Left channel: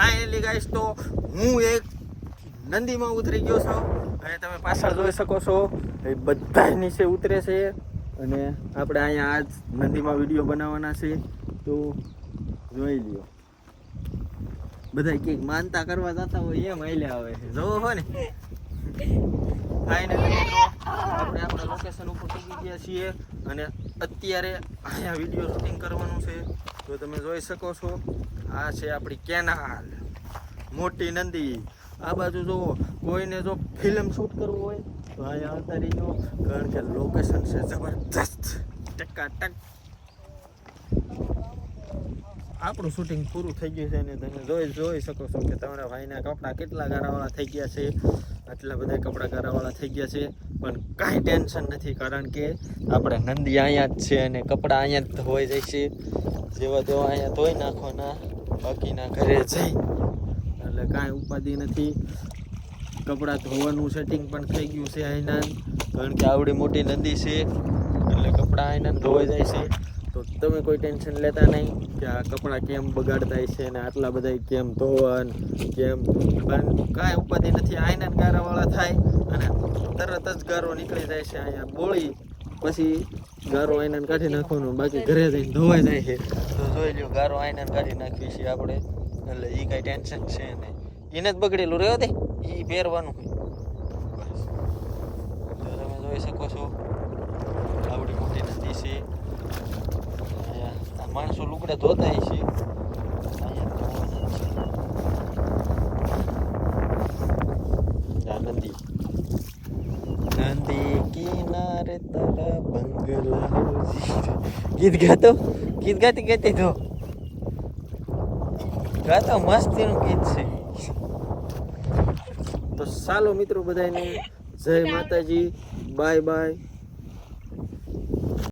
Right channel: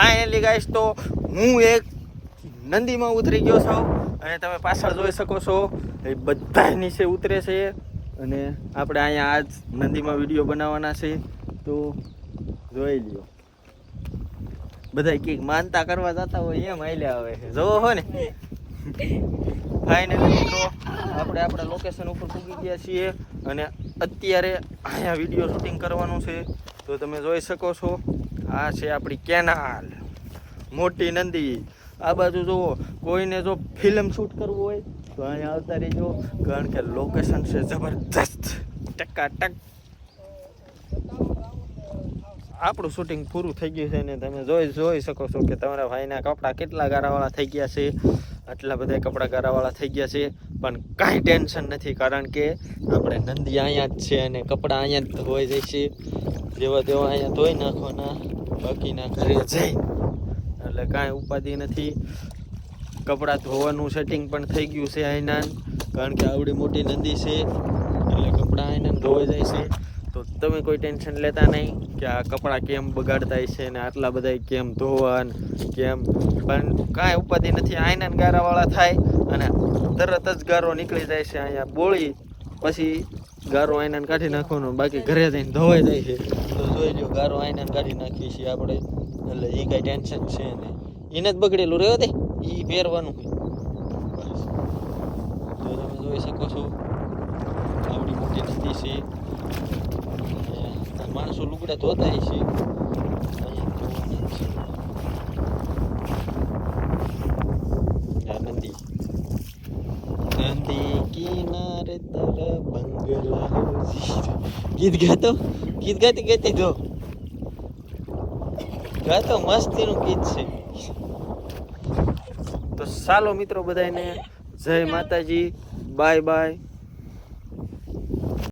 finally guys તો હું એક નંદીમાં ઉતરી ગયો છું અને તમે પાછળ જોઈ શકો છો એ બધા નીચે ઉતરે છે અને આપણે અહીંયા આજ નંદીમાં વિડીયો બનાવવાના છે તો જોઈ લ્યો બધા કંઈક માનતા કરવા જતા હોય એમ હાલ્યા આવે છે જોવો હો ને ફાઇનલી મિત્રો આપણે આપણા લોકેશન ઉપર પૂગી ગયા છીએ અને અત્યારે અહીંયા વિડીયો શૂટિંગ કરવાનું છે તો તમે જોઈ શકો છો આ છે આપણી કેનાલ મોટી નંદી આ બાજુ જુઓ કોઈને જો ફિલ્મ શૂટ કરવું હોય તો અહીંયા આવતા રહીજો કારણ કે લોકેશન છે જબરદસ્ત ટકાટક આપણું શૂટિંગ પૂરું થઈ ગયું છે ને તમે જોઈ શકો છો કે તમારા ભાઈના કપડાં કેટલા ગારાવાળા થઈ ગયા છે આટલા બધા કપડાં ગારાવાળા થઈ ગયા છે પણ કાંઈ ટેન્શન નથી કારણ કે આપણે નંદી અહીંયા જ છે અને કપડાં અહીંયા જ ધોવાઈ જાય છે જેવા તેવા અહીંયા ધોઈ નાખવાના બાકીના ઘરે જઈ એટલે કાંઈ ઉપાધિ નથી કપડાં ધોવાનું સેટિંગ પણ થઈ ગયું છે અહીંના કારણ કે આવડી મોટી નંદી છે એટલે કપડાં અહીંના ધોવાઈ જાય છે તો તમે કોઈ ટેન્શન લેતા નહીં કે આ કપડાં કેમ બગાડતા છે ને આટલા બધા કેમ ધોવાન કેમ પણ કાંઈ ઉપાધિ નથી આયના ગારાવાળા થાય અને તરત જ ગારો નીકળી જાય છે અહીંયા બોળી પછી ગારો આયના કાઢી નાખવાનો બાકી ઘરે જઈને ધોવાઈ જાય છે તો જોઈ લો ગારો આયના કાઢી નાખીએ છીએ આપણે એટલે એ કાંઈ ટેન્શન છે નહીં એને જ બગડેલું રહ્યો દે એ પહેરવાનું હોય બસ તો તમે જોઈ શકો છો આવડી મોટી નદી છે માણસો લુગડા ધોતા છે અહીંયા ધોવાના છે નદી નદી કિનારે તારા બંગલા ગીત ગાતી ગાતો મસ્તીનું ગીત છે તો ચાલો મિત્રો બધાને જય માતાજી બાય બાય